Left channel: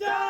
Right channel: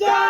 die.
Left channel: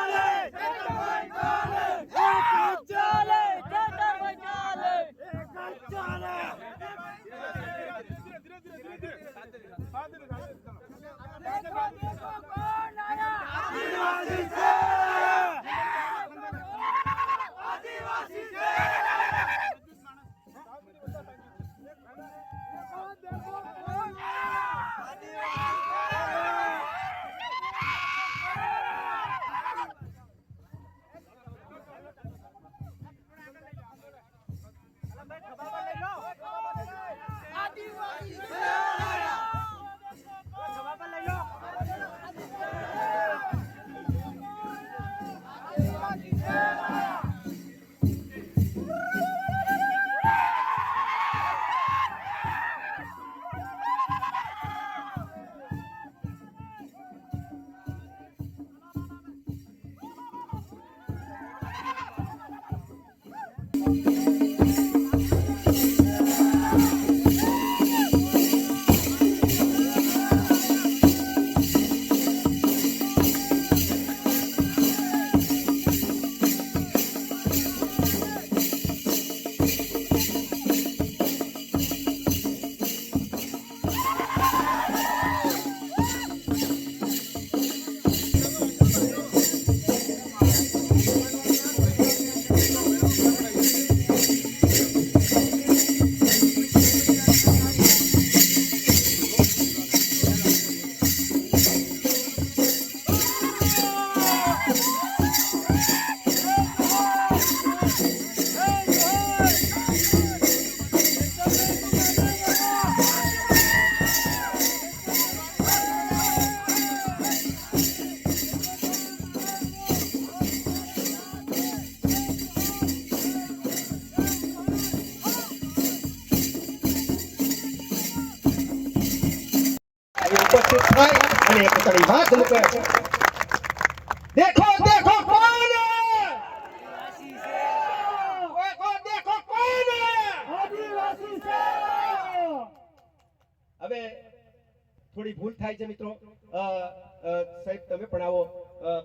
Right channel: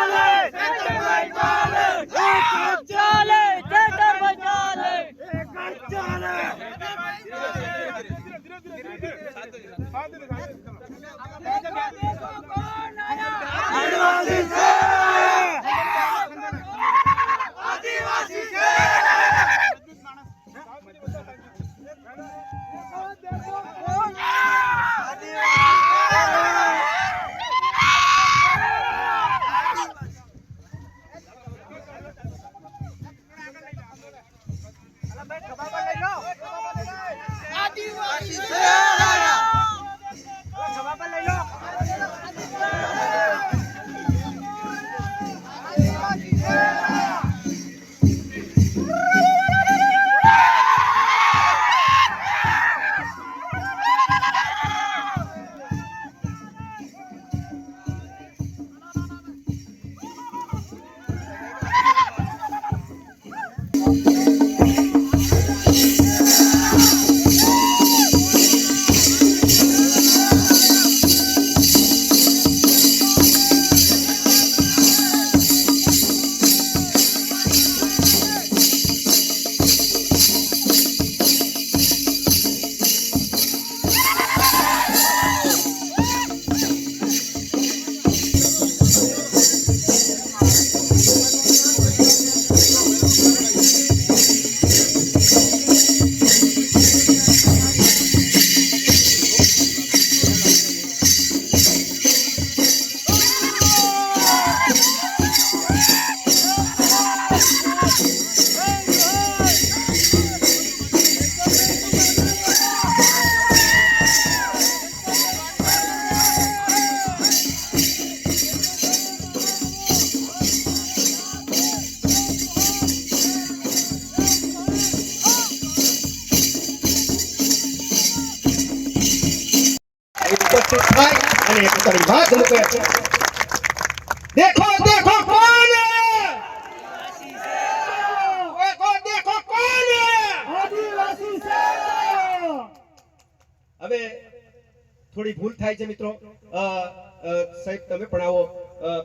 સાહેબ તમે પણ આવો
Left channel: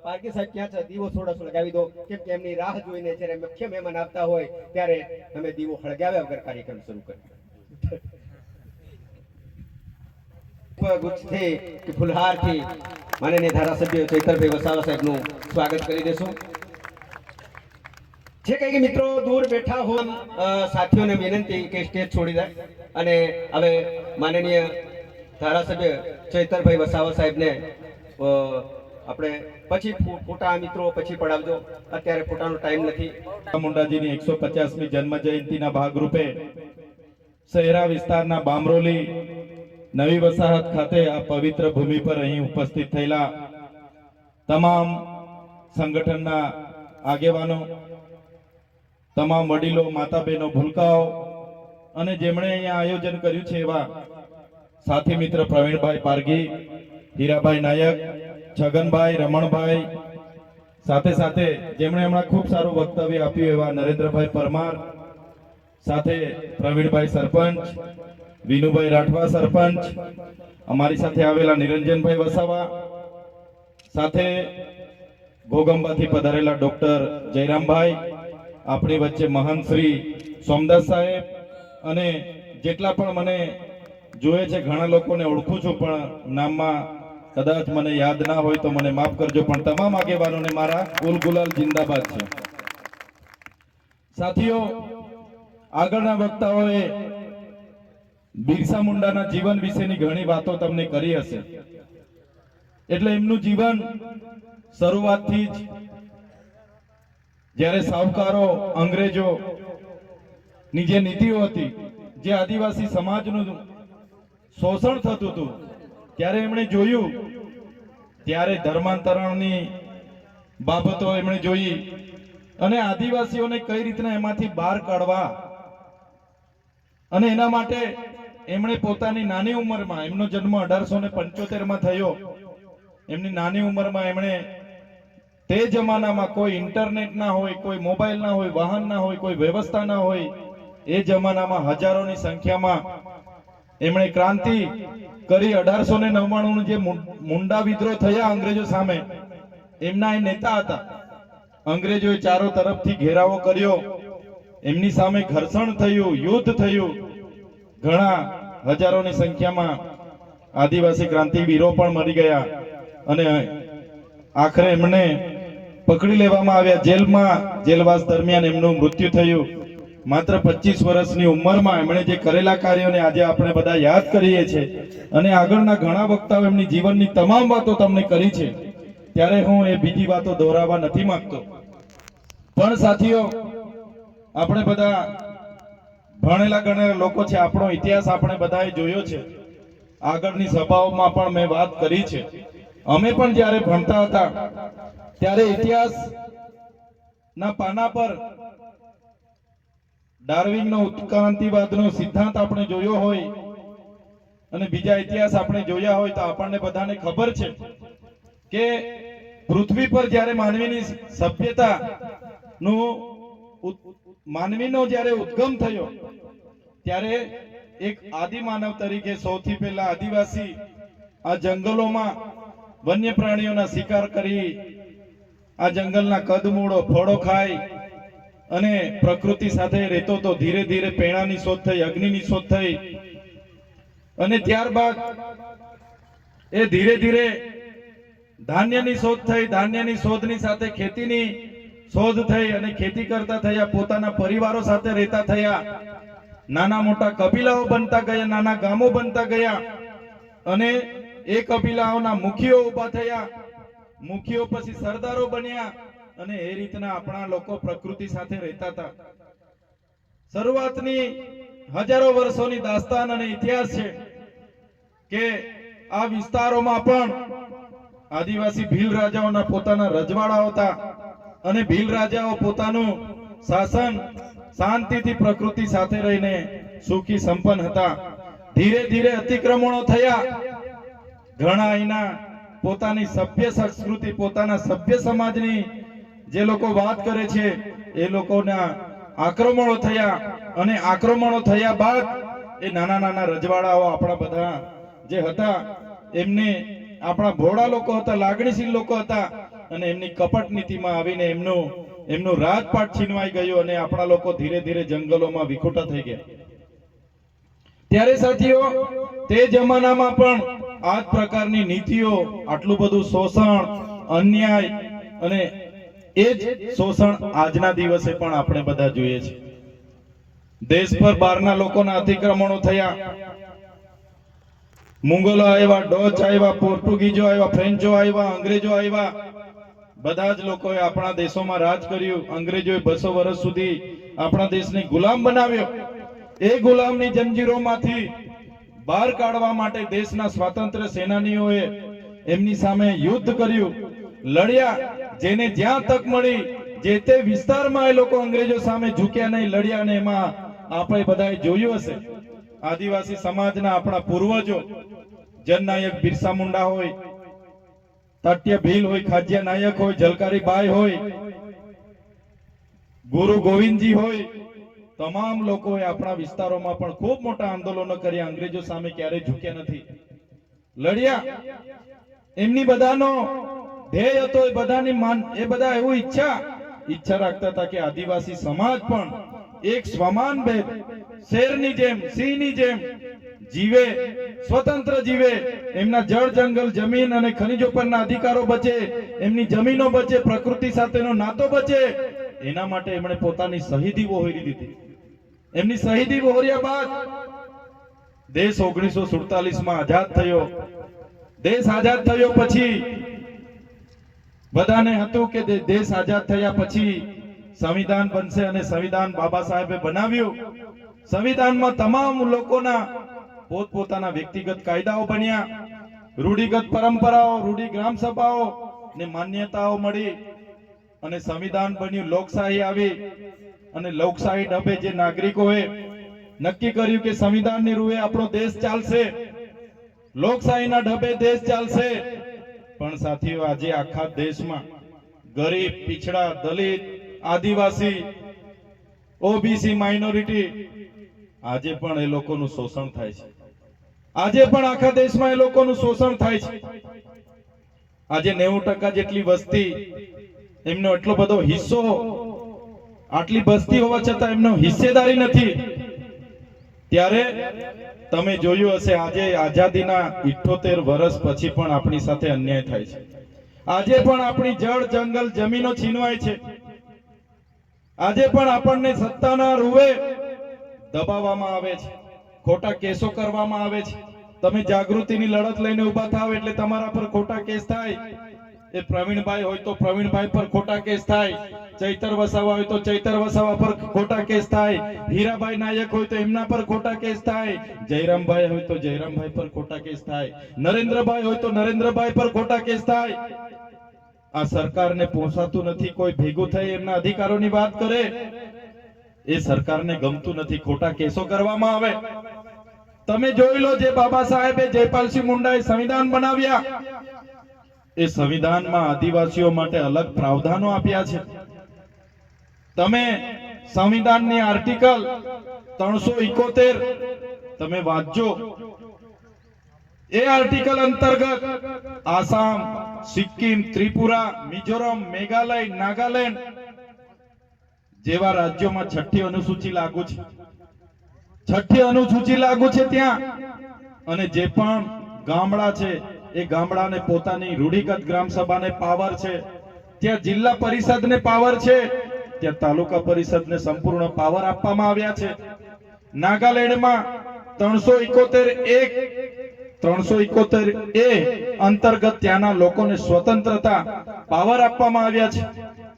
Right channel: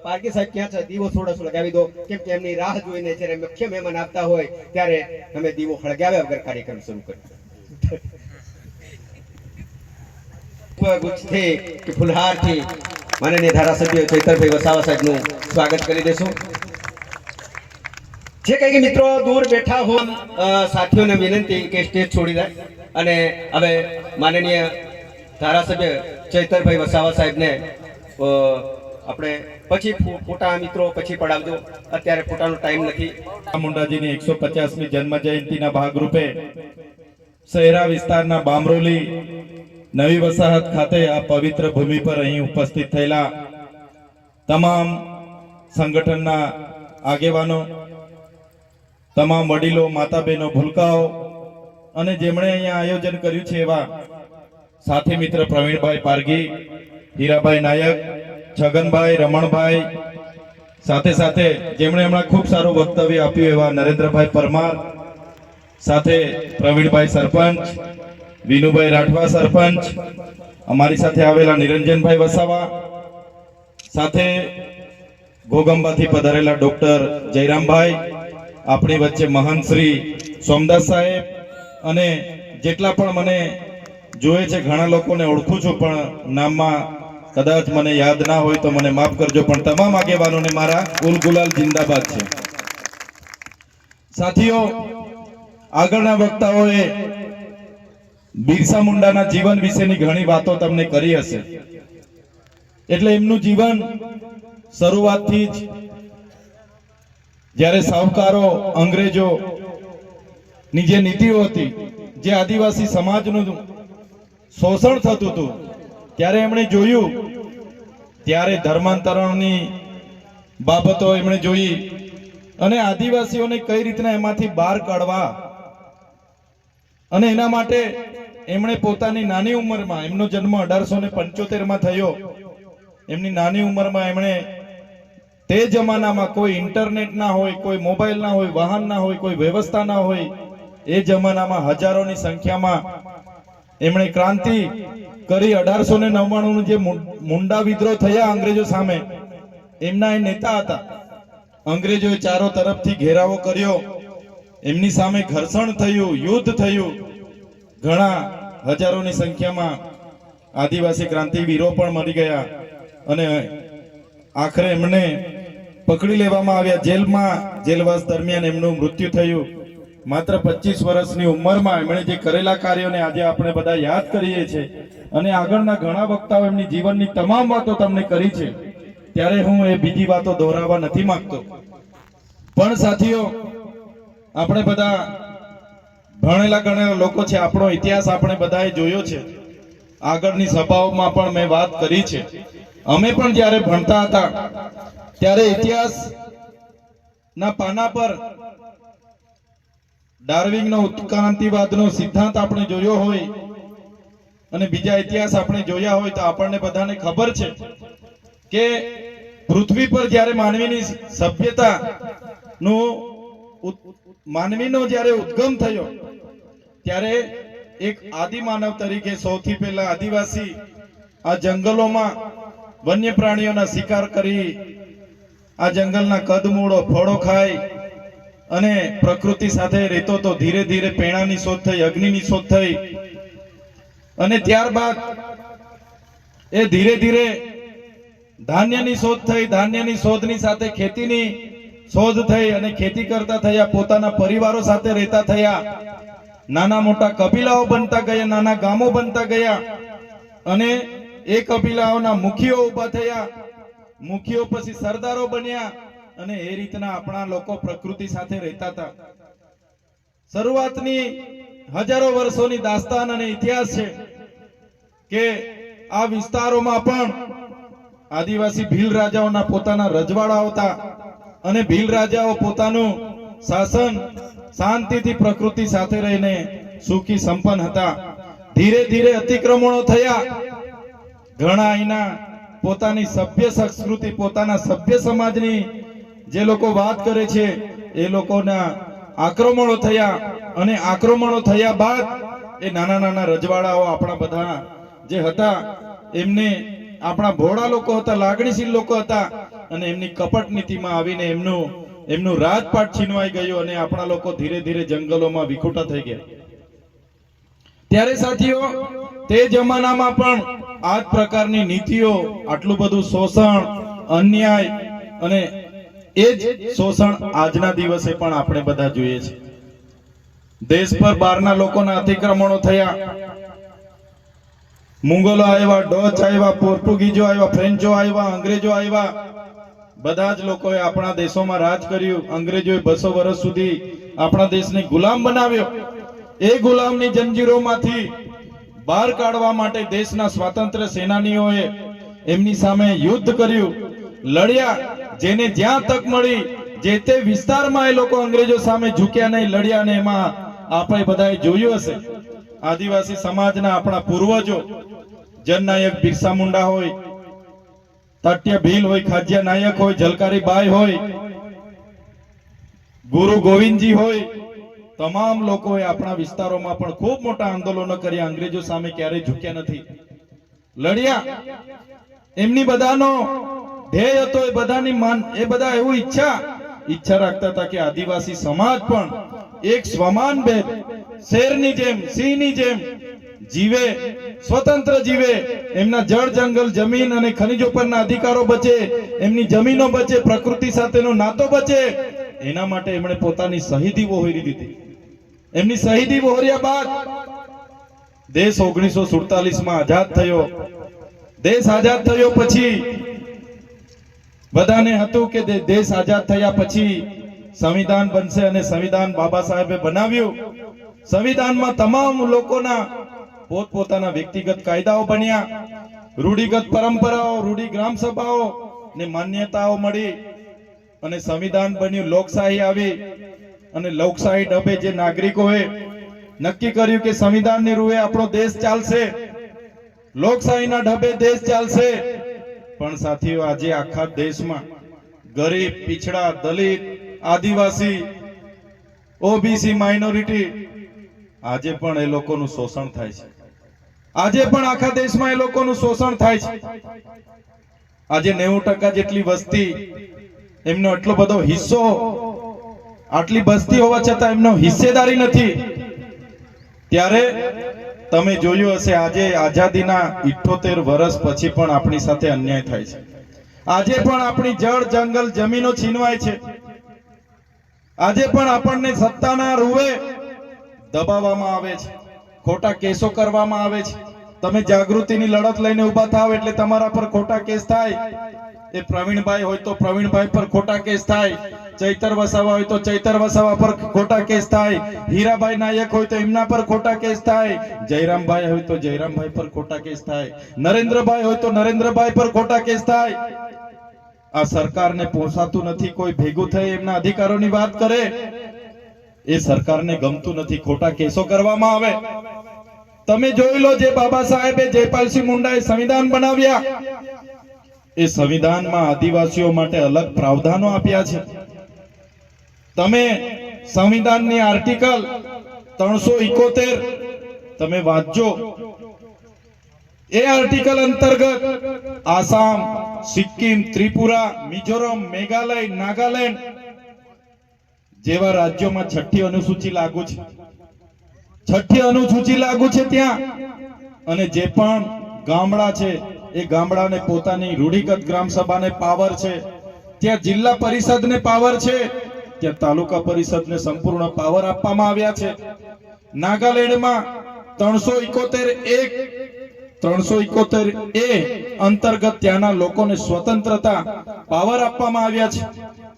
પારકી સાહેબ ક્યાં છે દીવો થોડો સળગાવી દો કેમ કે એમની રાહ જોઈને જ્યારે મુખ્ય મહેમાન આવતા હોય ત્યારે અમે દીવો સળગાવ્યા વગર કાર્યક્રમ શરૂ કર્યો ગુજથી કે ફુલહારથી માનનીય ધારાસભ્ય ચૈતરભાઈ વસાવા સાહેબનું સ્વાગત કરી દેશું જે કે મિત્રો દૂર બેઠા હો સાથીઓને વિનંતી કે સ્ટેજ છોડી દે અને હવે માનનીય ધારાસભ્ય ચૈતરભાઈ વસાવા સાહેબને આપણે પછી ફોટા મિત્રો પછી પડાવજો અત્યારે ફોટાનો ટાઈમ નથી મુંડાજીની એકસો પચાસમી જન્મ જયંતિના ભાગરૂપે શહેરા વિસ્તારના બામરોલી નવી વસાહત ખાતે આ પવિત્ર ભૂમિ પર અહીં ઉપસ્થિત થયેલા તમામ સંગઠનના આગેવાનો તમામ વડીલો માતા બહેનો ભૂલકાઓ અને જેમણે અહીંયા આયોજન કર્યું છે એવા સાથી મિત્ર પ્રવીણભાઈ પારગી હીરાભાઈ નાયક છગનભાઈ રમણભાઈ સાથે સાથે જેમણે હમણાં ખૂબ સારું વક્તવ્ય આપ્યું એવા નરેન્દ્રભાઈ પરમાર સાથે પ્રવીણભાઈ સરપંચ વિનુભાઈ રાઠવા સરપંચ અમારી સાથે આવેલા નિરંજનભાઈ વસાવા સાથે ગોગંબાથી પધારેલા ડૉક્ટર જયરામભાઈ આપણી વચ્ચે મહાન શ્રી સોમદાસ સાહેબ અને જેટલા પણ મને જોવે છે ઘણા લોકોને ઓળખું છું પણ નામમાં કદાચ મને યાદ ના હોય તો મને માફ કરજો પણ તમામ આગેવાનોને મારા ગુલગુલાલ જિંદાબાદ છે સાથીઓ આગળના વક્તાઓએ બિરસા મુંડાના જીવન વિશેની ઘણી વાતો તમને કરી હશે એટલે એમનું જીવન શરૂઆતથી જ જ્યારે સાવકારો અંગ્રેજો ની જે નીતિઓ હતી જે આદિવાસી સમાજનું શોષણ થતું હતું ત્યારે એમણે જોયું ત્યારે ધર્માંતરણની બાબતો એમણે જોઈ અને આદિવાસીઓને કઈ રીતના એમાંથી બહાર કાઢવા અને એના માટે એમણે પોતાની નાની ઉંમરમાં એમનો જન્મ અઢારસો ને પંચોતેરમાં થયો એમની નાની ઉંમરમાં એમણે તે જમાનામાં કોઈ ઇન્ટરનેટ ના હોય કોઈ મોબાઈલ ના હોય વાહન ના હોય કોઈ વ્યવસ્થા ના હોય એ જમાનામાં હજારોની સંખ્યામાં એમણે ક્રાંતિ કરી અઢારસો ને નવ્વાણું જે મુંડા વિદ્રોહ થયા અંગ્રેજો સામે એમના એ નેતા હતા અંગ્રેજોએ ચારો તરફથી ઘેરાવો કર્યો એમની સામે ઘર્ષણ થયું યુદ્ધ થયું ઘણા હજારોની સંખ્યામાં આદિવાસી ક્રાંતિવીરો પણ મરી ગયા અને આખરે એમને પકડી લેવામાં આવ્યા જેલમાં જેલવાસ દરમિયાન એમનું મૃત્યુ થયું માત્ર પચીસ વર્ષની ઉંમરમાં એમણે જે કરેલા કાર્યોને આજે આપણે બધા યાદ કરીએ છીએ અને આગળના ઘણા વક્તાઓ એમની જીવનની તમામ વાતો તમને કરી છે ત્યારે હું એ બીજી વાતો દોહરાવવા નથી માંગતો પણ સાથીઓ આપણે બધા ભણેલા ગણેલા લોકો છે આપણો ઇતિહાસ આપણે બધાએ જોયો છે આગળની સભાઓમાં પણ મેં વાત કરી છે અમે પણ જ્યારે ભણતા હતા ત્યારે ઇતિહાસના પાના પર ડાર્વિંગનો ઉત્ક્રાંતિવાદનો સિદ્ધાંત આપણે જોયો હોય અને બીજા ઇતિહાસ આપણે જોયા હોય તો આપણને બધાને ખબર છે કે પૃથ્વી પર જ્યારે માનવીની સભ્યતા નું માનવીનો જ્યારે ઉદ્ગમ થયો ત્યારે એક આદિ માનવ તરીકે સૌથી પહેલા આદિવાસી આ જંગલોમાં વન્ય પ્રાણીઓના શિકાર કરી આ જંગલના કદમૂળો ફળો ખાય અને પ્રકૃતિ સાથે રહેતો તો ધીરે ધીરે પેણાની શોધ થઈ અગ્નિની શોધ થઈ અને ત્યારબાદ એ ધીરે ધીરે ધાન્યની શોધ થઈ ધાન્યની શોધની સાથે ખેતીની શોધ થઈ અને ખેતી કરતા થયા પોતાના પરિવારો સાથે રહેતા થયા નાના મોટા કબીલાઓ બનતા ગયા નાના ગામો બનતા ગયા અને એ કબીલાઓના મુખીઓ ઉભા થયા મુખીઓ પછી સરદારો બન્યા અને એ રીતના આપણા લોકો પ્રકૃતિ સાથે રહેતા હતા શરૂઆતની હજારો વર્ષોની દાસ્તાન અને ઇતિહાસ છે કે આ વિસ્તારોમાં પણ આદિવાસી ભીલ રાજાઓના પોતાના રજવાડા હતા અને ભીલ રાજાઓ પોતાનું શાસન શાંતિથી પ્રકૃતિ સાથે રહીને સુખી સંપન્ન હતા ધીરે ધીરે અતિક્રમણો થયા ઘણા અહીંના પોતાની સભ્ય સંસ્કૃતિ પોતાના સભ્ય સમાજની જે લોકો વાત કરે છે એ લોકોના આક્રમણો થયા અને આક્રમણો થયા બાદ એ નાના નાના રજવાડાઓ આપણા બધા જે હતા એમને આપણા ભોળા લોકો હતા લાગણીશીલ લોકો હતા અને એમની કપટ નીતિમાં આવીને એમનું એમનું રાજપાટ છીનવાઈ ગયું અને આપણા લોકો ધીરે ધીરે જંગલોમાં વિખોટા થઈ ગયા ત્યારે સાથીઓ તે જમાનામાં પણ આ જ પ્રકારની નીતિઓ આટલું બધું શોષણ અન્યાય અને એ જ શોષણ આજના દિવસે પણ આપણે બધા જોઈએ છે દેશ પર બહારના લોકોના અતિક્રમણો થયા મુંગોલો આવ્યા ડોચ આવ્યા પોર્ટુગીઝો આવ્યા ફ્રેન્ચો આવ્યા અંગ્રેજો આવ્યા બધા જ લોકોએ આપણા દેશોમાં રાજ કર્યું અંગ્રેજોએ બસો વર્ષ સુધી આપણા દેશને ગુલામ બનાવ્યો એ ગુલામની જંજીરોમાંથી બહાર કાઢવા માટે દેશના સ્વાતંત્ર્ય સેનાનીઓએ એમની સામે યુદ્ધ કર્યું લડ્યા જેને જ્યાં તક મળી જે તે વિસ્તારમાં એ લોકો અંગ્રેજો સામે ઝૂક્યા નહીં લડ્યા ને એમાં આપણે બધાએ જોયું હશે આદિવાસી સમાજના આપણા પૂર્વજો જનનાયક બિરસા મુંડા હોય તટ્ય ભીલ હોય ખાજ્ય નાયક હોય જલકારી બાઈ હોય ગુરુ ગોવિંદજી હોય તમામ લોકોએ આપણા વિસ્તારોમાં પણ ખૂબ મોટા આંદોલનો કર્યા અંગ્રેજો સામે ક્યારેય ઝૂક્યા નથી લડ્યા એમની બધાનો ધ્યેય હતો એ બધાની માન એ બધા એવું ઈચ્છા ઈચ્છા રાખતા હતા કે આદિવાસી સમાજ પણ એક સ્વમાન ભેદ શેરની જેમ સિંહની જેમ જીવે સ્વતંત્ર જીવે એમના જળ જંગલ જમીન અને ખનિજો પરના અધિકારો બચે એમની જમીનો બચે પ્રકૃતિ સાથેનો નાતો બચે એના માટે એમણે પોતાની શહીદી વહોરી દીધી એમની શહીદી વહોર્યા બાદ દેશ ઓગણીસો સુડતાલીસ માં આઝાદ થયો દેશ આઝાદ થયો પછી બધાને હતું કે દેશ આઝાદ થયા પછી સંવિધાન બનશે અને સંવિધાન બાબા સાહેબે બનાવ્યું સંવિધાનમાં તમામ લોકોના પોતપોતાના વ્યક્તિગત કાયદાઓ બન્યા રૂઢિગત પરંપરાઓ રૂઢિ ગ્રામ સભાઓ ને માન્યતાઓ મળી અને સંવિધાન બન્યું લોકશાહી આવી અને લોકશાહી ડબે જે નાગરિકોએ નક્કી કર્યું કે સંવિધાનની રૂએ આપણો દેશ ચાલશે લોકશાહીના ઢબે દેશ ચાલશે પણ સાથીઓ આજે આખા દેશમાં ગરીબ પીછડા દલિત આદિવાસી ઓબીસી માઇનોરિટી આજે પણ એ લોકોનું શોષણ થાય છે આજે પણ આખા દેશમાં એ લોકોનું શોષણ થાય છે આજે નેવું ટકા જેટલી વસ્તી એમનો એટલો બધો હિસ્સો આટલી વસ્તી હોવા છતાં એમનો હિસ્સેદારી નથી ત્યારે તમે જોયું હશે આજે આઝાદીના ઇઠોતેર વર્ષ પછી પણ આપણી સાથે અન્યાય થાય છે આજે પણ આપણી જળ જંગલ જમીનો છીનવાય છે આજે પણ આપણને સત્તાના રૂવે દબાવવામાં આવે છે ખોટા કેસો કરવામાં આવે છે તમે જાગૃતિની લડત લઈને ઉભા થાવ એટલે તમારા પર ખોટા કેસ થાય એ પ્રવીણભાઈ હોય તો પ્રવીણભાઈ પર ખોટા કેસ થાય ચૈતર વસાવા હોય તો ચૈતર વસાવા પર ખોટા કેસ થાય હીરાભાઈ નાયક હોય તો એમના પર ખોટા કેસ થાય જયરામભાઈ હોય તો જયરામભાઈ પર ખોટા કેસ થાય નરેન્દ્રભાઈ હોય તો નરેન્દ્રભાઈ પર ખોટા કેસ થાય આ સરકારને પોસાતું નથી કોઈ ભેગું થઈ એમના અધિકારોની વાત કરે એ સરકારને ગમતું નથી ખોટા કેસો કરવામાં આવે તમે જોઈ લો જે બાબા સાહેબે જયપાલસિંહ મુંડાએ સંવિધાન બનાવ્યા એ સંવિધાનમાં આદિવાસીઓ માટે અલગ પ્રાવધાનો આપ્યા છે તમે સંવિધાનની આર્ટિકલ ત્રણસો ઇકોતેર તમે વાંચજો એ આર્ટિકલ અંતર્ગત આસામ સિક્કિમ ત્રિપુરા મિઝોરમ મેઘાલય નાગાલેન્ડ જેવા રાજ્યોમાં છઠ્ઠી અનુસૂચિ લાગુ છે છઠ્ઠી અનુસૂચિ લાગુ છે ત્યાં અને જે પણ ગામડા છે એ ગામડાને પોતાની રૂઢિગત ગ્રામ સભાને પાવર છે ત્યાં જિલ્લા પરિષદને પાવર છે ત્યાં તાલુકા પરિષદને સંપૂર્ણ પાવર આપવામાં આવ્યા છે નાગાલેન્ડમાં ત્રણસો ઇકોતેર એક ત્રણસો ઇકોતેર એ અંતર્ગત ત્યાંના લોકોને સ્વતંત્રતા પાવર આપવામાં આવ્યા છે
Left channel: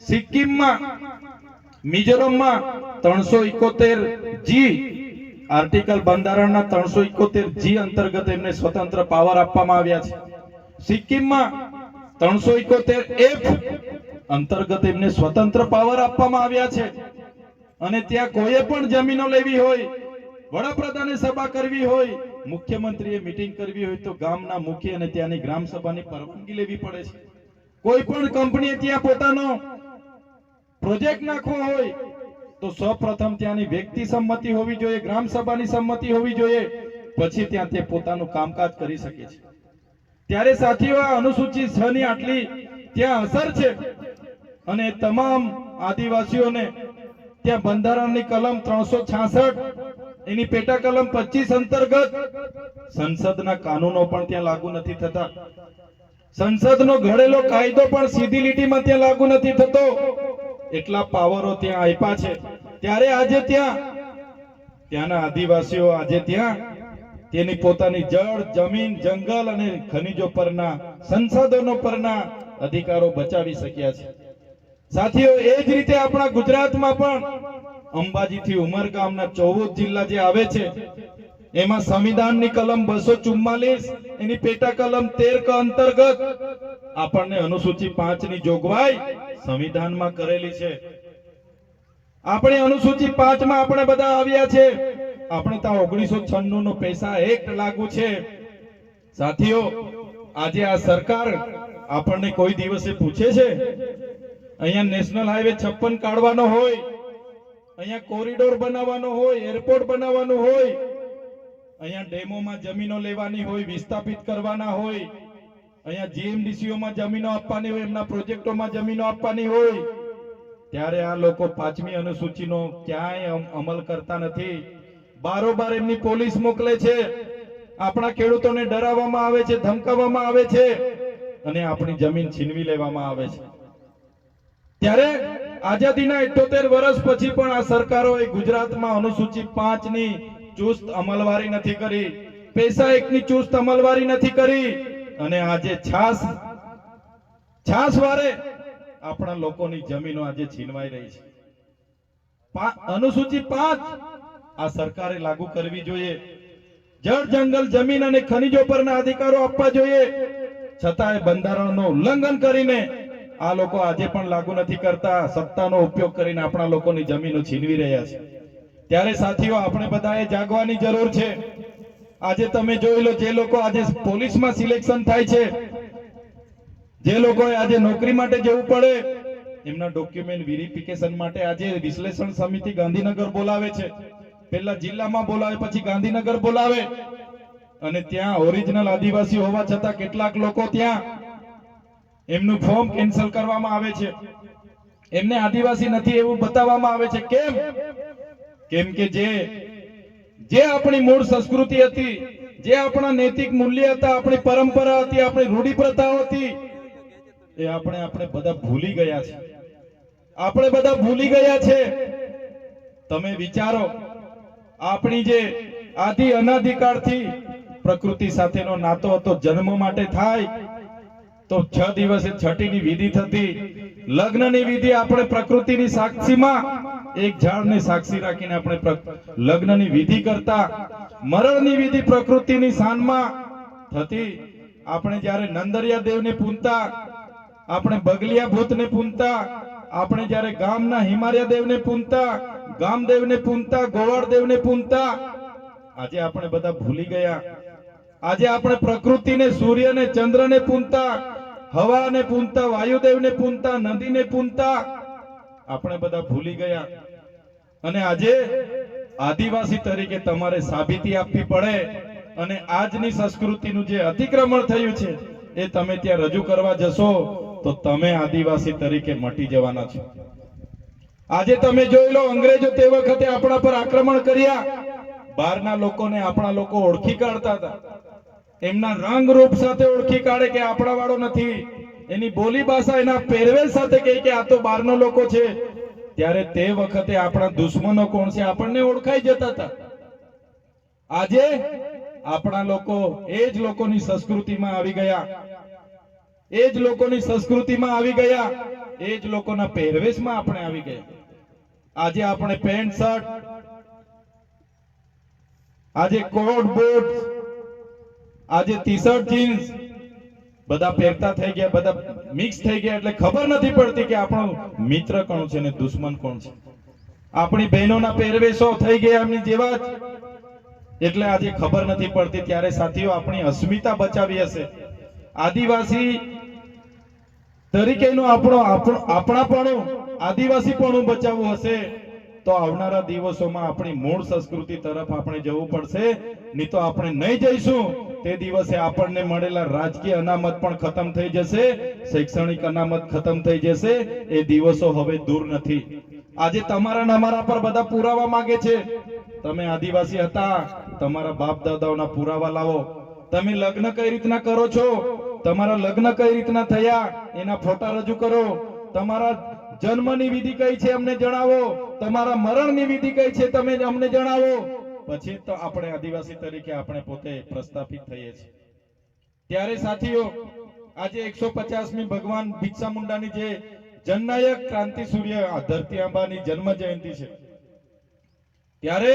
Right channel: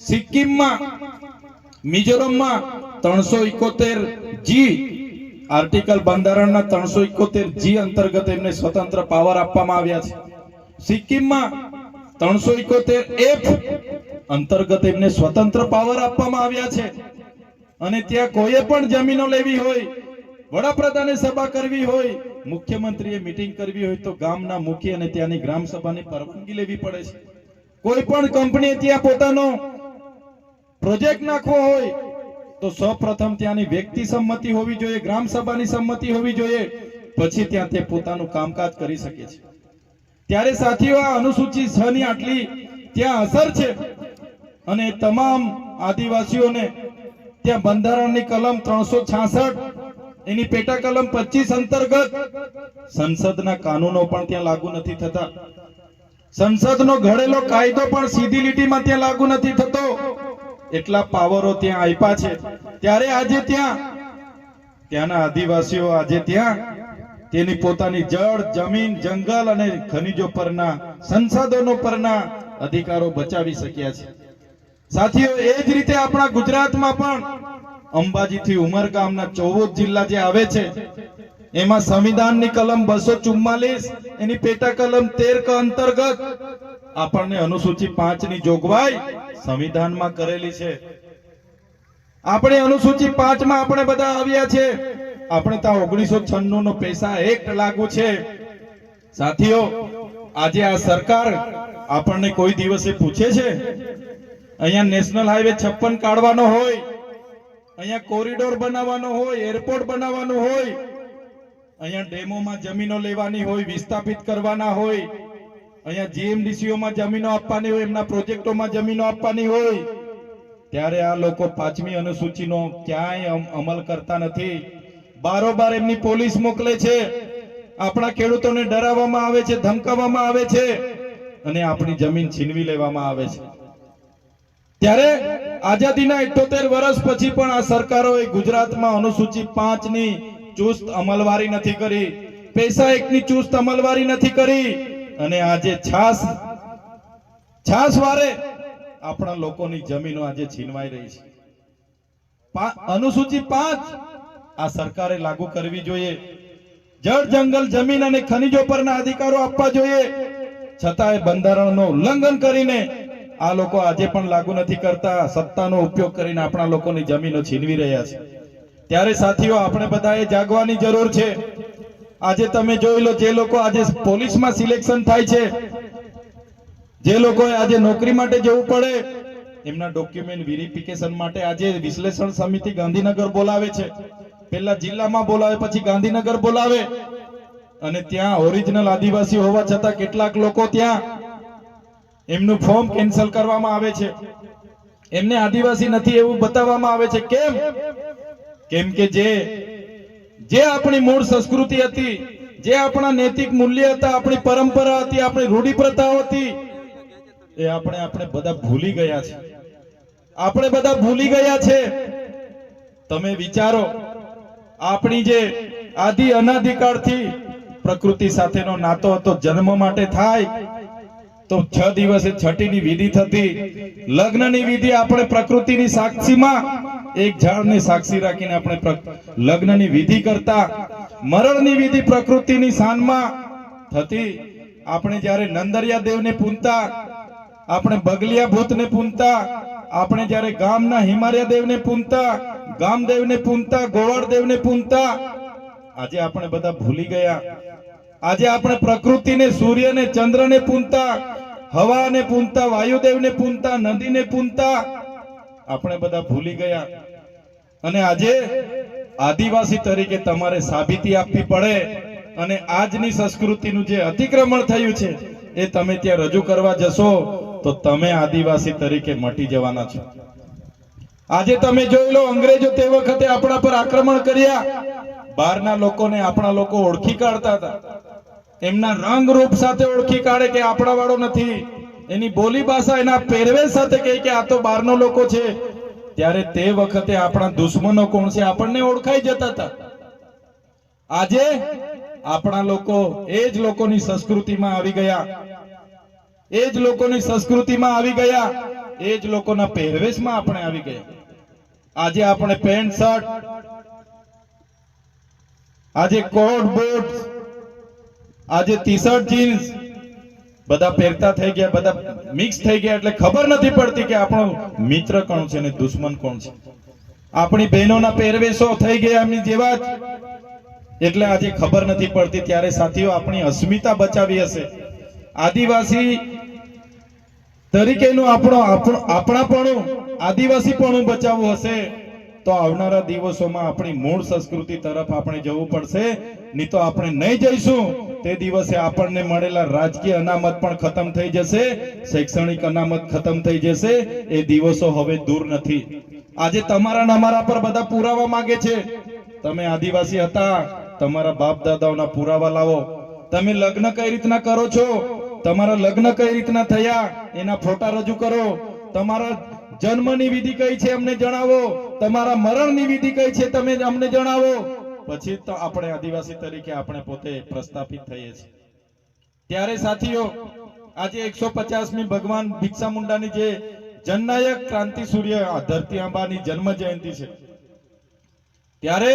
સિક્કિમમાં મિઝોરમમાં ત્રણસો ઇકોતેર જી આર્ટિકલ બંધારણના ત્રણસો ઇકોતેર જી અંતર્ગત એમને સ્વતંત્ર પાવર આપવામાં આવ્યા છે સિક્કિમમાં ત્રણસો ઇકોતેર એફ અંતર્ગત એમને સ્વતંત્ર પાવર આપવામાં આવ્યા છે અને ત્યાં કોઈએ પણ જમીનો લેવી હોય વડાપ્રધાને સભા કરવી હોય મુખ્યમંત્રીએ મીટિંગ કરવી હોય તો ગામના મુખી અને ત્યાંની ગ્રામ સભાની પરવાનગી લેવી પડે છે કોઈ પણ કંપનીએ ત્યાં પોતાનો પ્રોજેક્ટ નાખવો હોય તો સૌપ્રથમ ત્યાંની વ્યક્તિ સંમતિ હોવી જોઈએ ગ્રામ સભાની સંમતિ હોવી જોઈએ પછી ત્યાં તે પોતાનું કામકાજ કરી શકે છે ત્યારે સાથીઓ અનુસૂચિત છ ની આટલી ત્યાં અસર છે અને તમામ આદિવાસીઓને ત્યાં બંધારણની કલમ ત્રણસો એની પેટા કલમ પચીસ અંતર્ગત સંસદના કાનૂનો પણ ત્યાં લાગુ નથી થતા સંસદનો ઘડેલો કાયદો પણ સીધી લીટીમાં ત્યાં લાગુ નથી થતો એટલા પાવરો ત્યાં આપ્યા છે ત્યારે આજે ત્યાં ત્યાંના આદિવાસીઓ આજે ત્યાં તેની પોતાની જળ જમીન જંગલ અને ખનિજો પરના સંસાધનો પરના અધિકારો બચાવી શક્યા છે સાથીઓ એ જ રીતે આપણા ગુજરાતમાં પણ અંબાજી થી ઉમરગામના ચૌદ જિલ્લા જે આવે છે એમાં સંવિધાનની કલમ બસો ચુમ્માલીસ એની પેટા કલમ તેર ક અંતર્ગત આપણને અનુસૂચિ પાંચ ની જોગવાઈ સંવિધાનમાં કરેલી છે આપણે અનુસૂચિ પાંચ માં આપણે બધા આવ્યા છે આપણે ત્યાં ઓગણીસો છન્નું નો પૈસા એક્ટ લાગુ છે સાથીઓ આજે આ સરકાર આપણને કોઈ દિવસે પૂછે છે અહીંયા નેશનલ હાઈવે છપ્પન કાઢવાનો હોય અહીંયા કોરિડોર બનાવવાનો હોય એરપોર્ટ બનાવવાનો હોય અહીંયા ડેમોમાં જમીનો લેવાની હોય વિસ્થાપિત કરવાના હોય અહીંયા જીએમડીસીઓમાં જમીનો આપવાની હોય એમના પ્રોજેક્ટોમાં જમીનો આપવાની હોય ત્યારે આ લોકો પાંચમી અનુસૂચિનો ક્યાંય અમલ કરતા નથી બારોબાર એમની પોલીસ મોકલે છે આપણા ખેડૂતોને ડરાવવામાં આવે છે ધમકાવવામાં આવે છે અને આપણી જમીન છીનવી લેવામાં આવે છે ત્યારે આઝાદીના ઇઠોતેર વર્ષ પછી પણ આ સરકારોએ ગુજરાતમાં અનુસૂચિત પાંચની ચુસ્ત અમલવારી નથી કરી પૈસા એકની ચુસ્ત અમલવારી નથી કરી અને આજે છાસ છાસ વારે આપણા લોકોની જમીનો આજે છીનવાઈ રહી છે અનુસૂચિત પાંચ આ સરકારે લાગુ કરવી જોઈએ જળ જંગલ જમીન અને ખનિજો પરના અધિકારો આપવા જોઈએ છતાંય બંધારણનો ઉલ્લંઘન કરીને આ લોકો આજે પણ લાગુ નથી કરતા સત્તાનો ઉપયોગ કરીને આપણા લોકોની જમીનો છીનવી રહ્યા છે ત્યારે સાથીઓ આપણે બધાએ જાગવાની જરૂર છે આજે તમે જોઈ લો જે લોકો આજે પોલીસમાં સિલેક્શન થાય છે જે લોકોએ આજે નોકરી માટે જવું પડે એમના ડોક્યુમેન્ટ વેરિફિકેશન માટે આજે વિશ્લેષણ સમિતિ ગાંધીનગર બોલાવે છે પહેલા જિલ્લામાં બોલાવે પછી ગાંધીનગર બોલાવે અને ત્યાં ઓરિજિનલ આદિવાસી હોવા છતાં કેટલાક લોકો ત્યાં એમનું ફોર્મ કેન્સલ કરવામાં આવે છે એમને આદિવાસી નથી એવું બતાવવામાં આવે છે કેમ કેમ કે જે જે આપણી મૂળ સંસ્કૃતિ હતી જે આપણા નૈતિક મૂલ્ય હતા આપણી પરંપરા હતી આપણી રૂઢિપ્રથાઓ હતી એ આપણે આપણે બધા ભૂલી ગયા છે આપણે બધા ભૂલી ગયા છે તમે વિચારો આપણી જે આદિ અનાધિકાળથી પ્રકૃતિ સાથેનો નાતો હતો જન્મ માટે થાય તો છ દિવસે છઠ્ઠીની વિધિ થતી લગ્નની વિધિ આપણે પ્રકૃતિની સાક્ષીમાં એક ઝાડને સાક્ષી રાખીને આપણે લગ્નની વિધિ કરતા મરણની વિધિ પ્રકૃતિની સાનમાં થતી આપણે જ્યારે નંદરિયા દેવને પૂનતા આપણે બગલિયા ને પૂનતા આપણે જ્યારે ગામના હિમાલયા દેવને પૂનતા ગામદેવને પૂનતા ગોવાળ દેવને પૂનતા આજે આપણે બધા ભૂલી ગયા આજે આપણે પ્રકૃતિ ને પ્રકૃતિને સૂર્યને ચંદ્રને પૂનતા હવાને પૂનતા વાયુદેવને પૂનતા નદીને પૂનતા આપણે બધા ભૂલી ગયા અને આજે આદિવાસી તરીકે તમારે સાબિતી આપવી પડે અને આજની સંસ્કૃતિનું જે અતિક્રમણ થયું છે એ તમે ત્યાં રજૂ કરવા જશો તો તમે આદિવાસી તરીકે મટી જવાના છો આજે તમે જોઈ લો અંગ્રેજો તે વખતે આપણા પર આક્રમણ કર્યા બહારના લોકોને આપણા લોકો ઓળખી કાઢતા હતા એમના રંગ રૂપ સાથે ઓળખી કાઢે કે આપણા વાળો નથી એની બોલી ભાષા એના પહેરવેશ સાથે કહે કે આ તો બહારનો લોકો છે ત્યારે તે વખતે આપણા દુશ્મનો કોણ છે આપણને ઓળખાઈ જતા હતા આજે આપણા લોકો એ જ લોકોની સંસ્કૃતિમાં આવી ગયા એ જ લોકોની સંસ્કૃતિમાં આવી ગયા એ જ લોકોના પહેરવેશમાં આપણે આવી ગયા આજે આપણે પેન્ટ શર્ટ આજે કોટ બૂટ આજે ટી શર્ટ જીન્સ બધા પહેરતા થઈ ગયા બધા મિક્સ થઈ ગયા એટલે ખબર નથી પડતી કે આપણો મિત્ર કોણ છે ને દુશ્મન કોણ છે આપણી બહેનોના પહેરવેશો થઈ ગયા એમની જેવા જ એટલે આજે ખબર નથી પડતી ત્યારે સાથીઓ આપણી અસ્મિતા બચાવી હશે આદિવાસી તરીકેનું આપણો આપણો આપણાપણું આદિવાસીપણું બચાવવું હશે તો આવનારા દિવસોમાં આપણી મૂળ સંસ્કૃતિ તરફ આપણે જવું પડશે નહીં તો આપણે નહીં જઈશું તે દિવસે આપણને મળેલા રાજકીય અનામત પણ ખતમ થઈ જશે શૈક્ષણિક અનામત ખતમ થઈ જશે એ દિવસો હવે દૂર નથી આજે તમારા અમારા પર બધા પુરાવા માંગે છે તમે આદિવાસી હતા તમારા બાપ દાદાઓના પુરાવા લાવો તમે લગ્ન કઈ રીતના કરો છો તમારા લગ્ન કઈ રીતના થયા એના ફોટા રજૂ કરો તમારા જન્મની વિધિ કઈ છે અમને જણાવો તમારા મરણની વિધિ કઈ છે તમે અમને જણાવો પછી તો આપણે આદિવાસી તરીકે આપણે પોતે પ્રસ્થાપિત થઈએ છીએ ત્યારે સાથીઓ આજે એકસો પચાસમી ભગવાન ભિક્ષા મુંડાની જે જનનાયક ક્રાંતિ સૂર્ય ધરતી અંબાની જન્મ જયંતિ છે ત્યારે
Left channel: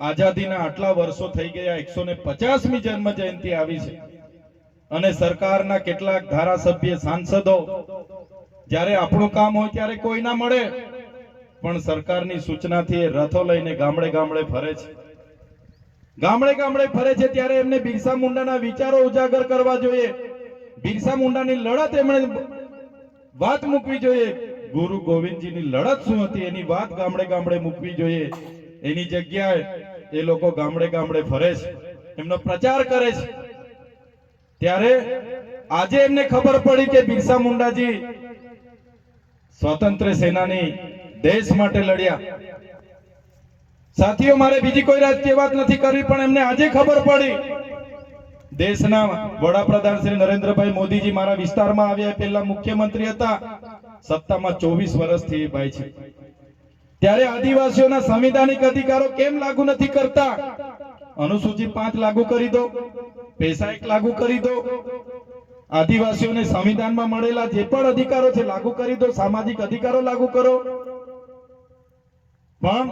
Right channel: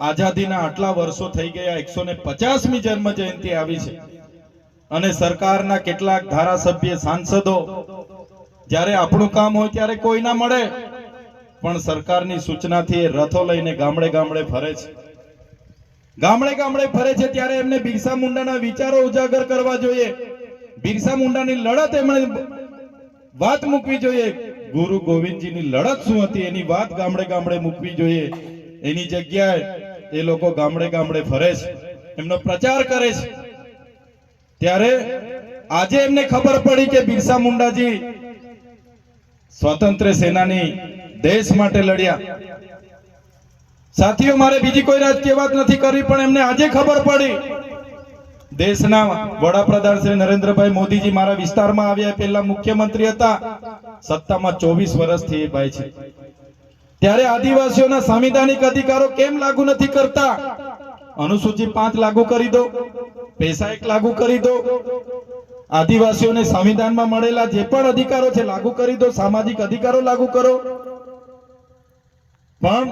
આઝાદીના આટલા વર્ષો થઈ ગયા એકસો ને પચાસમી જન્મ જયંતિ આવી છે અને સરકારના કેટલાક ધારાસભ્ય સાંસદો જ્યારે આપણું કામ હોય ત્યારે કોઈ ના મળે પણ સરકારની સૂચનાથી રથો લઈને ગામડે ગામડે ફરે છે ગામડે ગામડે ફરે છે ત્યારે એમને બિરસા મુંડાના વિચારો ઉજાગર કરવા જોઈએ બિરસા મુંડાની લડત એમણે વાત મૂકવી જોઈએ ગુરુ ગોવિંદજીની લડત શું હતી એની વાત ગામડે ગામડે મૂકવી જોઈએ એની જગ્યાએ એ લોકો ગામડે ગામડે ફરે છે એમનો પ્રચાર કરે છે ત્યારે આજે એમને ખબર પડી કે બિરસા મુંડાજી સ્વતંત્ર સેનાની દેશ માટે લડ્યા સાથીઓ મારે બીજી કોઈ રાજકીય વાત નથી કરી પણ એમને આજે ખબર પડી દેશના વડાપ્રધાન શ્રી નરેન્દ્રભાઈ મોદીજી મારા વિસ્તારમાં આવ્યા પહેલા મુખ્યમંત્રી હતા સત્તામાં ચોવીસ વર્ષથી એ ભાઈ છે ત્યારે આદિવાસીઓના સાંવિધાનિક અધિકારો કેમ લાગુ નથી કરતા અનુસૂચિ પાંચ લાગુ કરી દો પૈસા એક લાગુ કરી દો આદિવાસીઓને સંવિધાનમાં મળેલા જે પણ અધિકારો છે લાગુ કરી દો સામાજિક અધિકારો લાગુ કરો પણ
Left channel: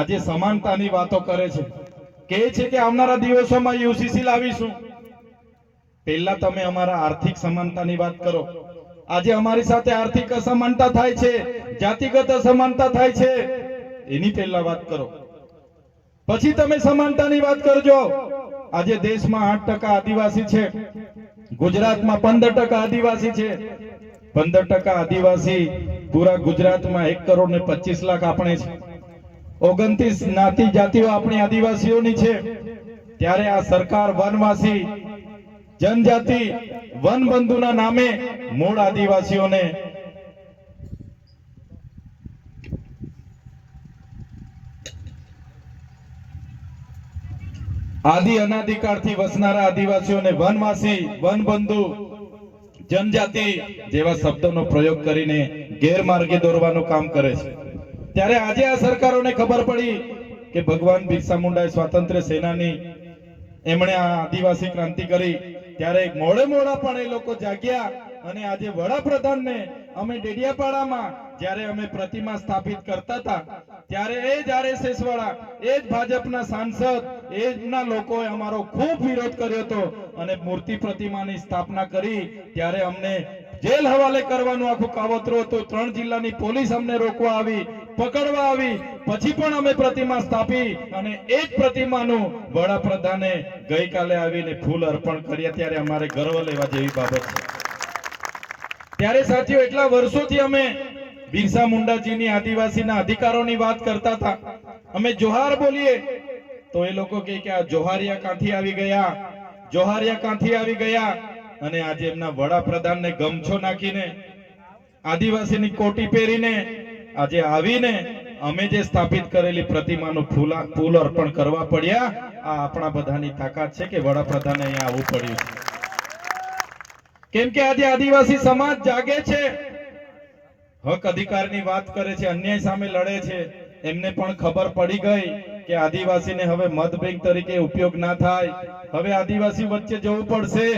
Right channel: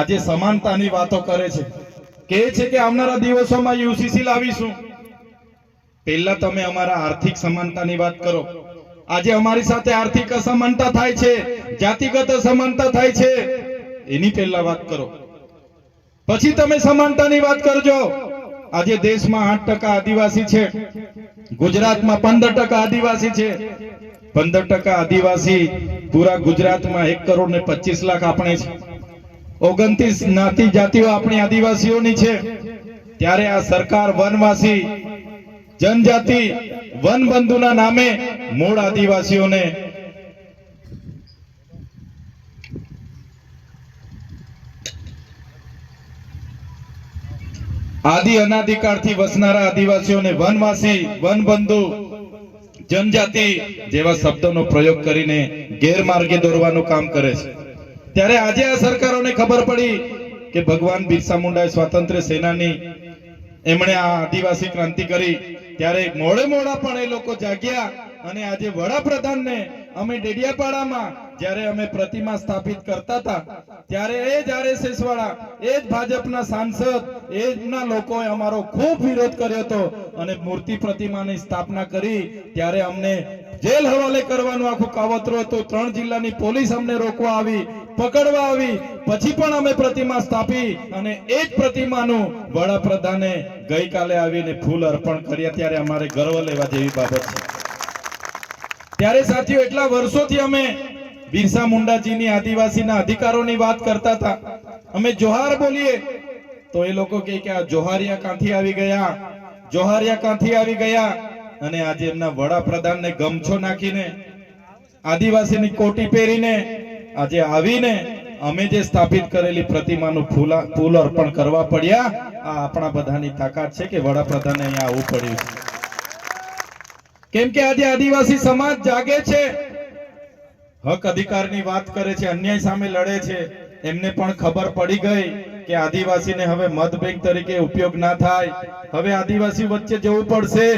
આજે સમાનતાની વાતો કરે છે કે છે કે આવનારા દિવસોમાં યુસીસી લાવીશું પહેલા તમે અમારા આર્થિક સમાનતાની વાત કરો આજે અમારી સાથે આર્થિક અસમાનતા થાય છે જાતિગત અસમાનતા થાય છે એની પહેલા વાત કરો પછી તમે સમાનતાની વાત કરજો આજે દેશમાં આઠ ટકા આદિવાસી છે ગુજરાતમાં પંદર ટકા આદિવાસી છે પંદર ટકા આદિવાસી પૂરા ગુજરાતમાં એક કરોડ ને પચીસ લાખ આપણે છે ઓગણત્રીસ નાતી જાતિઓ આપણી આદિવાસીઓની છે ત્યારે આ સરકાર વનવાસી જનજાતિ વન વનબંધુના નામે મૂળ આદિવાસીઓને આદિ અનાધિકાળથી વસનારા આદિવાસીઓને વનવાસી વનબંધુ જનજાતિ જેવા શબ્દનો પ્રયોગ કરીને ગેરમાર્ગે દોરવાનું કામ કરે છે ત્યારે આજે આ સરકારોને ખબર પડી કે ભગવાન બિરસા મુંડાએ સ્વાતંત્ર્ય સેનાની એમણે આ આદિવાસી ક્રાંતિ કરી ત્યારે મોડે મોડા પણ એ લોકો જાગ્યા અને આજે વડાપ્રધાનને અમે ડેડિયાપાડામાં જ્યારે અમે પ્રતિમા સ્થાપિત કરતા હતા ત્યારે એ જ આરએસએસવાળા એ જ ભાજપના સાંસદ એ લોકોએ અમારો ખૂબ વિરોધ કર્યો હતો અને મૂર્તિ પ્રતિમાની સ્થાપના કરી ત્યારે અમને જેલ હવાલે કરવાનું આખું કાવતરું હતું ત્રણ જિલ્લાની પોલીસ અમને રોકવા આવી પકડવા આવી પછી પણ અમે પ્રતિમા સ્થાપી અને એ જ પ્રતિમાનું વડાપ્રધાને ગઈકાલે આવીને ફૂલ અર્પણ કર્યા ત્યારે અમારે ગર્વ લેવા જેવી બાબત છે ત્યારે સાથીઓ એટલા વર્ષોથી અમે બિરસા મુંડાજીની આદિવાસીના અધિકારોની વાત કરતા હતા અમે જોહાર બોલીએ તો એ લોકો કહે કે આ જોહારિયા કાંથી આવી ગયા જોહારિયા કાંથી આવી ગયા અને આજે એમના વડાપ્રધાનને ગમછો નાખીને આદિવાસીની કોટી પહેરીને આજે આવીને અમે જે સ્થાપિત કરેલી પ્રતિમાનું ફૂલા ફૂલ અર્પણ કરવા પડ્યા આ આપણા બધાની તાકાત છે કે વડાપ્રધાને અહીંયા આવવું પડ્યું કેમ કે આજે આદિવાસી સમાજ જાગે છે હક અધિકારની વાત કરે છે અન્યાય સામે લડે છે એમને પણ ખબર પડી ગઈ કે આદિવાસીને હવે મત બેંક તરીકે ઉપયોગ ના થાય હવે આદિવાસી વચ્ચે જવું પડશે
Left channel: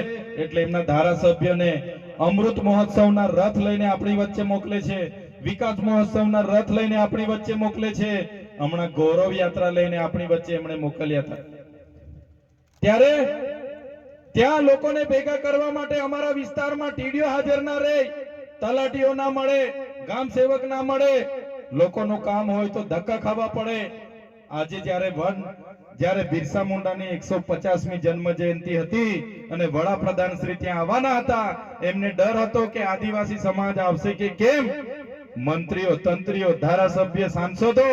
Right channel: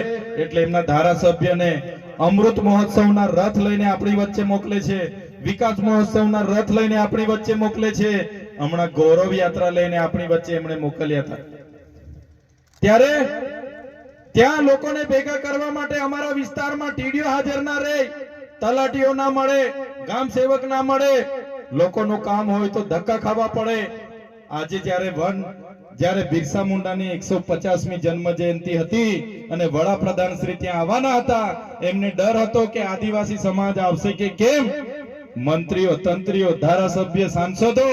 એટલે એમના ધારાસભ્યને અમૃત મહોત્સવના રથ લઈને આપણી વચ્ચે મોકલે છે વિકાસ મહોત્સવના રથ લઈને આપણી વચ્ચે મોકલે છે હમણાં ગૌરવ યાત્રા લઈને આપણી વચ્ચે એમણે મોકલ્યા હતા ત્યારે ત્યાં લોકોને ભેગા કરવા માટે અમારા વિસ્તારમાં ટીડીઓ હાજર ના રહી તલાટીઓ ના મળે ગામ સેવક ના મળે લોકોનું કામ હોય તો ધક્કા ખાવા પડે આજે જ્યારે વન જ્યારે બિરસા મુંડાની એકસો પચાસમી જન્મ જયંતિ હતી અને વડાપ્રધાન શ્રી ત્યાં આવવાના હતા એમને ડર હતો કે આદિવાસી સમાજ આવશે કે કેમ મંત્રીઓ તંત્રીઓ ધારાસભ્ય સાંસદો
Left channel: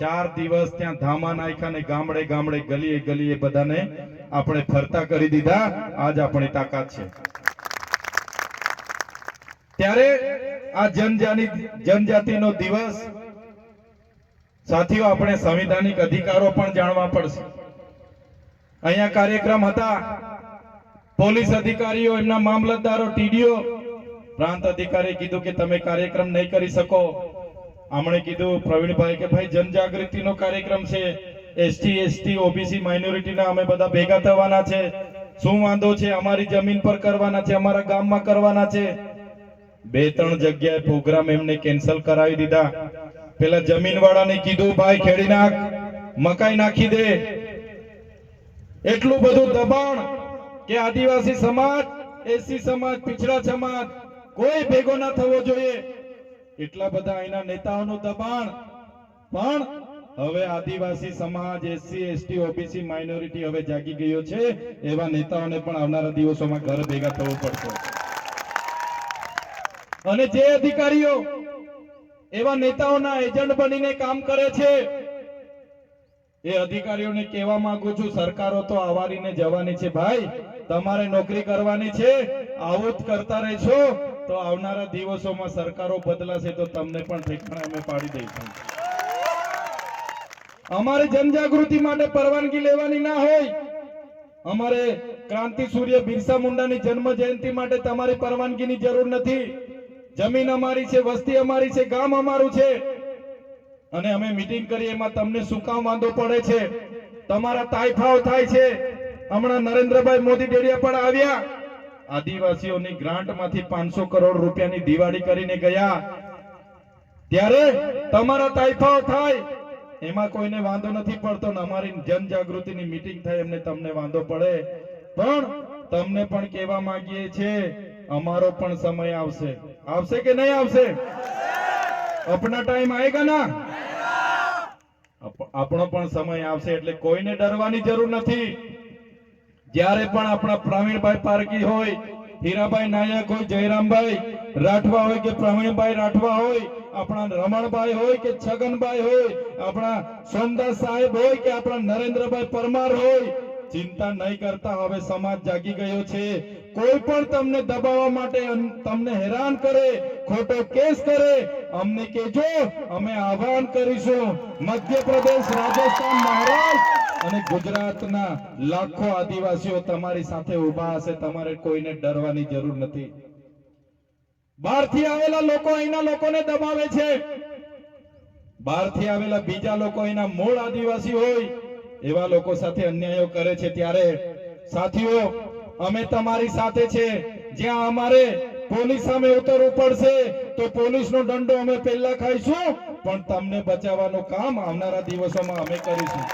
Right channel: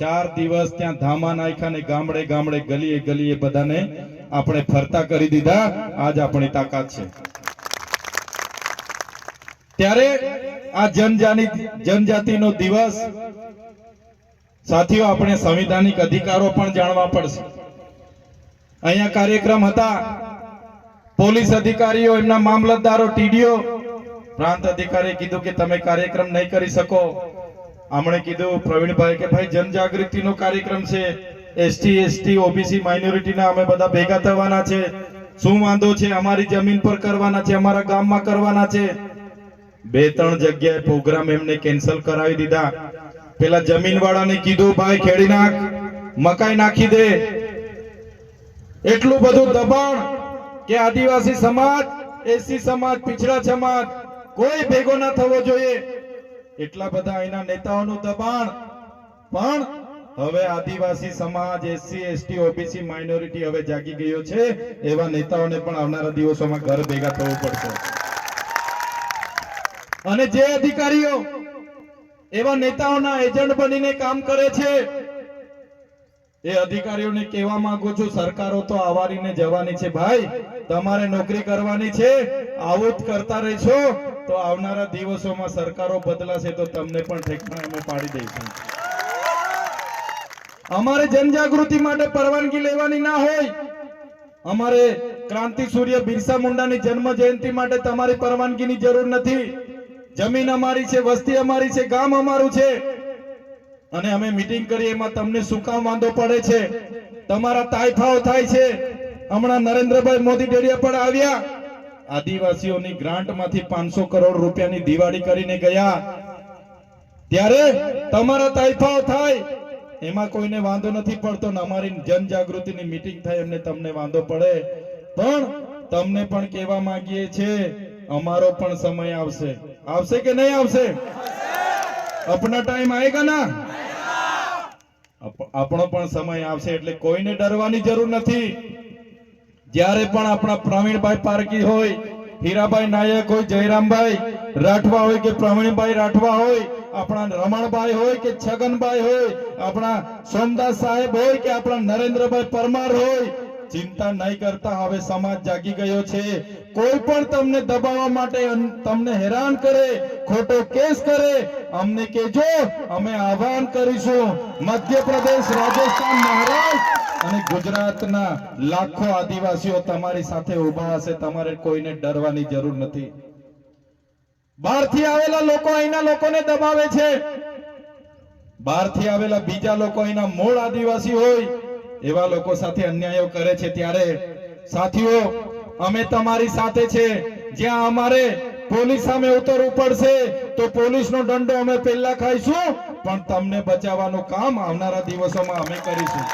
ચાર દિવસ ત્યાં ધામા નાખ્યા ને ગામડે ગામડે ગલીએ ગલીએ બધાને આપણે ફરતા કરી દીધા આજ આપણી તાકાત છે ત્યારે આ જનજાની જનજાતિનો દિવસ સાથીઓ આપણે સંવિધાનિક અધિકારો પણ જાણવા પડશે અહીંયા કાર્યક્રમ હતા પોલીસ અધિકારીઓ એમના મામલતદારો ટીડીઓ પ્રાંત અધિકારીએ કીધું કે તમે કાર્યક્રમ નહીં કરી શકો હમણે કીધું પ્રવીણભાઈ કે ભાઈ જનજાગૃતિનો કાર્યક્રમ છે એસટી એસટી ઓબીસી માઇનોરિટીના અમે બધા ભેગા થવાના છે શું વાંધો છે અમારી જમીન પર કરવાના છે અમારા ગામમાં કરવાના છે બે ત્રણ જગ્યાએ પ્રોગ્રામ એમને કેન્સલ કરાવી દીધા પેલા જમીન વાળાને કીધું ભાઈ ખેડી નાખ મકાઈ નાખી દે એટલું બધું દબાણ કે આદિવાસી સમાજ એસી સમાજ પિછડા સમાજ કોઈ ભેગો ના થવો જોઈએ એટલા બધા એના નેતાઓનું દબાણ પણ હવે આદિવાસી સમાજ એસસી એસટી ઓબીસી માઇનોરિટી હવે જાગી ગયો છે એવા નેતાઓને પણ આવનારા દિવસોમાં ઘર ભેગા થવું પડશે અને જે અધિકારીઓ એવા નેતાઓના એજન્ટ બનીને કામ કરે છે એ અધિકારીઓને કહેવા માંગુ છું સરકારો તો આવારીને જવાની છે ભાઈ તમારે નોકરી કરવાની છે આવું કરતા રહેશો તો આવનારા દિવસોમાં સરકારો બદલાશે તો તમને પણ અમે પાડી દઈશું અમારે જનજાગૃતિ માટે પરવાનગી લેવાની ના હોય અમારે ક્રાંતિ સૂર્ય બિરસા મુંડાની જન્મ જયંતિ માટે તમારી પરવાનગીની જરૂર નથી જમીન અમારી છે વસ્તી અમારી છે ગામ અમારું છે અને અમે મીટિંગ કરીએ એમાં તમને શું કામ વાંધો પડે છે તમારા તાયફાઓ થાય છે હમણાં નરેન્દ્રભાઈ મોદી ડેરિયા પર આવ્યા આદિવાસીઓની ગ્રાન્ટમાંથી પાંચસો કરોડ રૂપિયાની દિવાળી કરીને ગયા ત્યારે તમારા તાયફાઓ થાય એમાં કોઈને વાંધો નથી પડતો અમારી જનજાગૃતિની મીટિંગ થાય એમને તમને વાંધો પડે પણ તમને પણ કહેવા માંગીએ છીએ અમારો પણ સમય આવશે આવશે કે નહીં આવશે આપણા ટાઈમ આવેગા ના આપણો પણ સમય આવશે એટલે કોઈને ડરવાની જરૂર નથી જ્યારે પણ આપણા પ્રવીણભાઈ પારકી હોય હીરાભાઈ નાયક હોય જયરામભાઈ રાઠવા હોય કે પ્રવીણભાઈ રાઠવા હોય આપણા રમણભાઈ હોય કે છગનભાઈ હોય આપણા સોમદાસ સાહેબ હોય કે આપણા નરેન્દ્રભાઈ પરમાર હોય ચિંતા નહીં કરતા હવે સમાજ જાગી ગયો છે કોઈ પણ તમને દબાવવા માટે તમને હેરાન કરે ખોટો કેસ કરે અમને કેજો અમે આહવાન કરીશું મધ્યપ્રદેશ રાજસ્થાન મહારાષ્ટ્ર અને ગુજરાતના લાખો આદિવાસીઓ તમારી સાથે ઉભા હશે તમારે કોઈને ડરવાની જરૂર નથી બહારથી આવેલા લોકો અહીંના લોકોને દબાવે છે બહારથી આવેલા બીજા લોકો અહીંના મૂળ આદિવાસી હોય એવા લોકો સાથે અન્યાયો કરે છે ત્યારે સાથીઓ અમે તમારી સાથે છે જ્યાં અમારે પોલીસ સામે ઉતરવું પડશે તો પોલીસનો દંડો અમે પહેલા ખાઈશું પણ તમને બચાવવાનું કામ આવનારા દિવસોમાં અમે કરીશું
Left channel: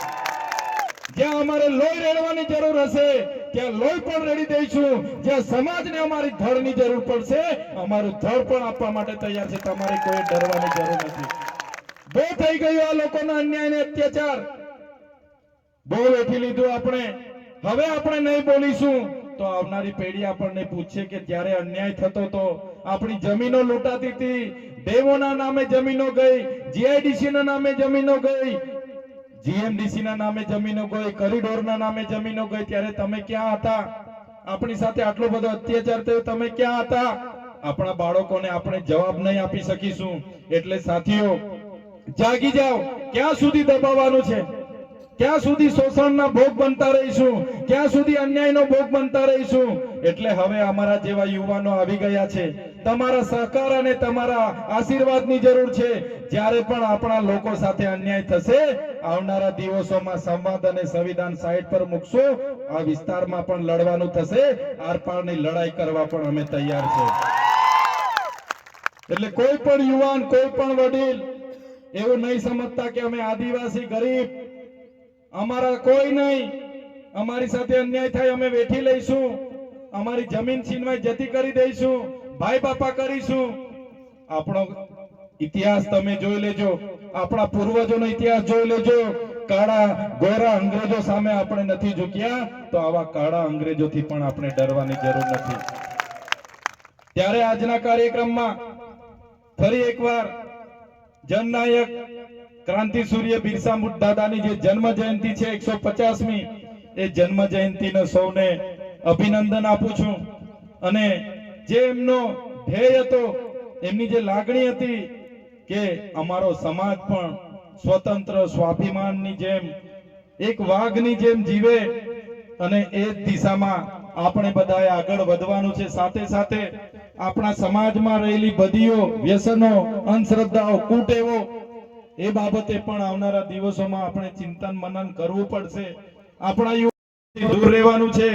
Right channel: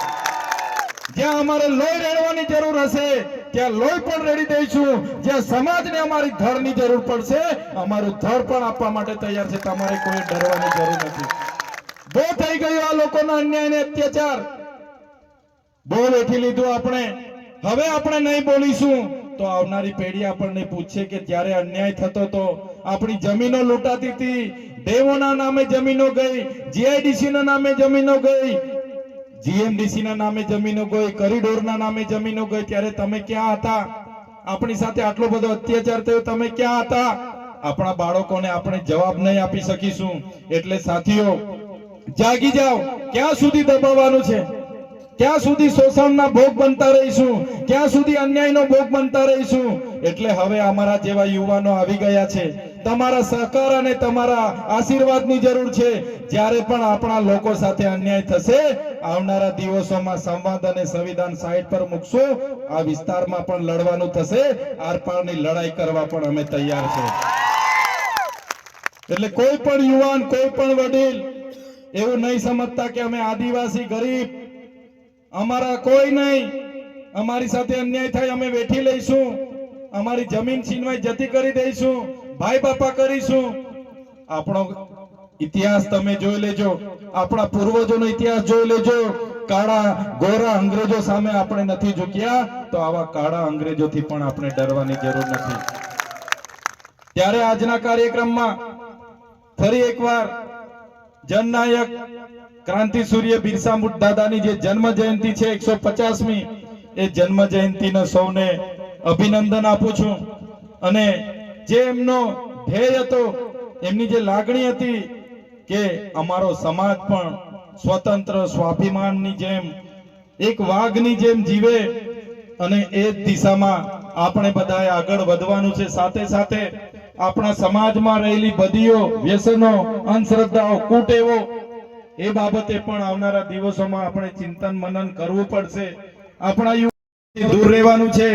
જ્યાં અમારે લોહી રેડવાની જરૂર હશે ત્યાં લોહી પણ રેડી દઈશું જ્યાં સમાજને અમારી ધરની જરૂર પડશે અમારું ધર પણ આપવા માટે તૈયાર છે તમારે કોઈ ડરવાની જરૂર નથી બહુ થઈ ગયું આ લોકોના અન્યાય અને અત્યાચાર બોલ ઉઠી લીધું આપણે હવે આપણે નહીં બોલીશું તો આવનારી પેઢી આપણને પૂછશે કે જ્યારે અન્યાય થતો તો આપણી જમીનો લૂંટાતી હતી દેવોના નામે જમીનો ગઈ જીઆઈડીસીના નામે જમીનો ગઈ જીએમડીસીના નામે જમીનો ગઈ કોરિડોરના નામે જમીનો ગઈ ત્યારે તમે ક્યાં હતા આપણી સાથે આટલો બધો અત્યાચાર થયો તમે ક્યાં હતા આપણા બાળકોને આપણે જવાબ નહીં આપી શકીશું એટલે સાથીઓ જાગી જાઓ ક્યાં સુધી દબાવવાનું છે ક્યાં સુધી શોષણના ભોગ બનતા રહીશું ક્યાં સુધી અન્યાયનો ભોગ બનતા રહીશું એટલે હવે અમારા જેવા યુવાનો આવી ગયા છે તમારા સહકાર અને તમારા આશીર્વાદની જરૂર છે જ્યારે પણ આપણા લોકો સાથે અન્યાય થશે આવનારા દિવસોમાં સંવાદ અને સંવિધાન સાઈડ પર મૂકશો આ વિસ્તારમાં પણ લડવાનું થશે આરપારની લડાઈ કરવા પણ અમે તૈયાર છે એટલે કોઈ પણ યુવાન કોઈ પણ વડીલ એવું નહીં સમજતા કે અમે આદિવાસી ગરીબ અમારા કોઈ નહીં અમારી સાથે અન્યાય થાય અમે વેઠી લઈશું અમારી જમીન છીનવાઈ જતી કરી દઈશું ભાઈ બાપા કરીશું આપણો ઇતિહાસ તમે જોઈ લેજો આપણા પૂર્વજોનો ઇતિહાસ જોઈ લેજો કાળા ગોરા અંગ્રેજો સામે આપણે નથી ઝૂક્યા તો આવા કાળા અંગ્રેજોથી પણ આપણે ડરવાની જરૂર નથી ત્યારે આજના કાર્યક્રમમાં ફરી એકવાર જનનાયક ક્રાંતિ સૂર્ય બિરસા મુંડ દાદાની જે જન્મ જયંતિ છે એકસો પચાસમી એ જન્મ જયંતિનો સૌને અભિનંદન આપું છું અને જે એમનો ધ્યેય હતો એમની જે લાગણી હતી કે અમારો સમાજ પણ સ્વતંત્ર સ્વાભિમાનની જેમ એક વાઘની જેમ જીવે અને એ જ દિશામાં આપણે બધાએ આગળ વધવાનું છે સાથે સાથે આપણા સમાજમાં રહેલી બધીઓ વ્યસનો અંધશ્રદ્ધાઓ કુટેવો એ બાબતે પણ આવનારા દિવસોમાં આપણે ચિંતન મનન કરવું પડશે આપણા દૂર રહેવાનું છે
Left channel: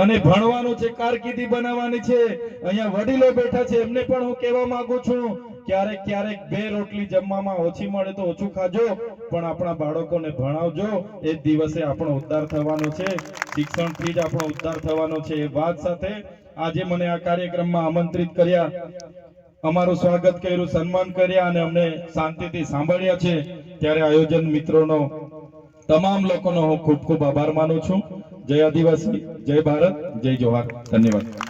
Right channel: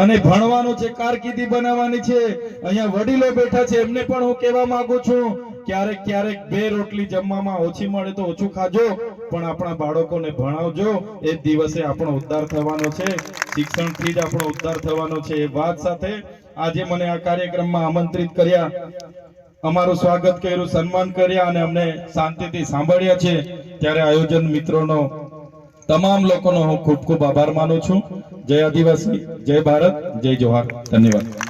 અને ભણવાનું છે કારકિર્દી બનાવવાની છે અહીંયા વડીલો બેઠા છે એમને પણ હું કહેવા માંગુ છું ક્યારેક ક્યારેક બે રોટલી જમવામાં ઓછી મળે તો ઓછું ખાજો પણ આપણા બાળકોને ભણાવજો એ દિવસે આપણો ઉદ્ધાર થવાનો છે શિક્ષણથી જ આપણો ઉદ્ધાર થવાનો છે એ વાત સાથે આજે મને આ કાર્યક્રમમાં આમંત્રિત કર્યા અમારું સ્વાગત કર્યું સન્માન કર્યા અને અમને શાંતિથી સાંભળ્યા છે ત્યારે આયોજન મિત્રોનો તમામ લોકોનો હું ખૂબ ખૂબ આભાર માનું છું જય આદિવાસી જય ભારત જય જોહાર ધન્યવાદ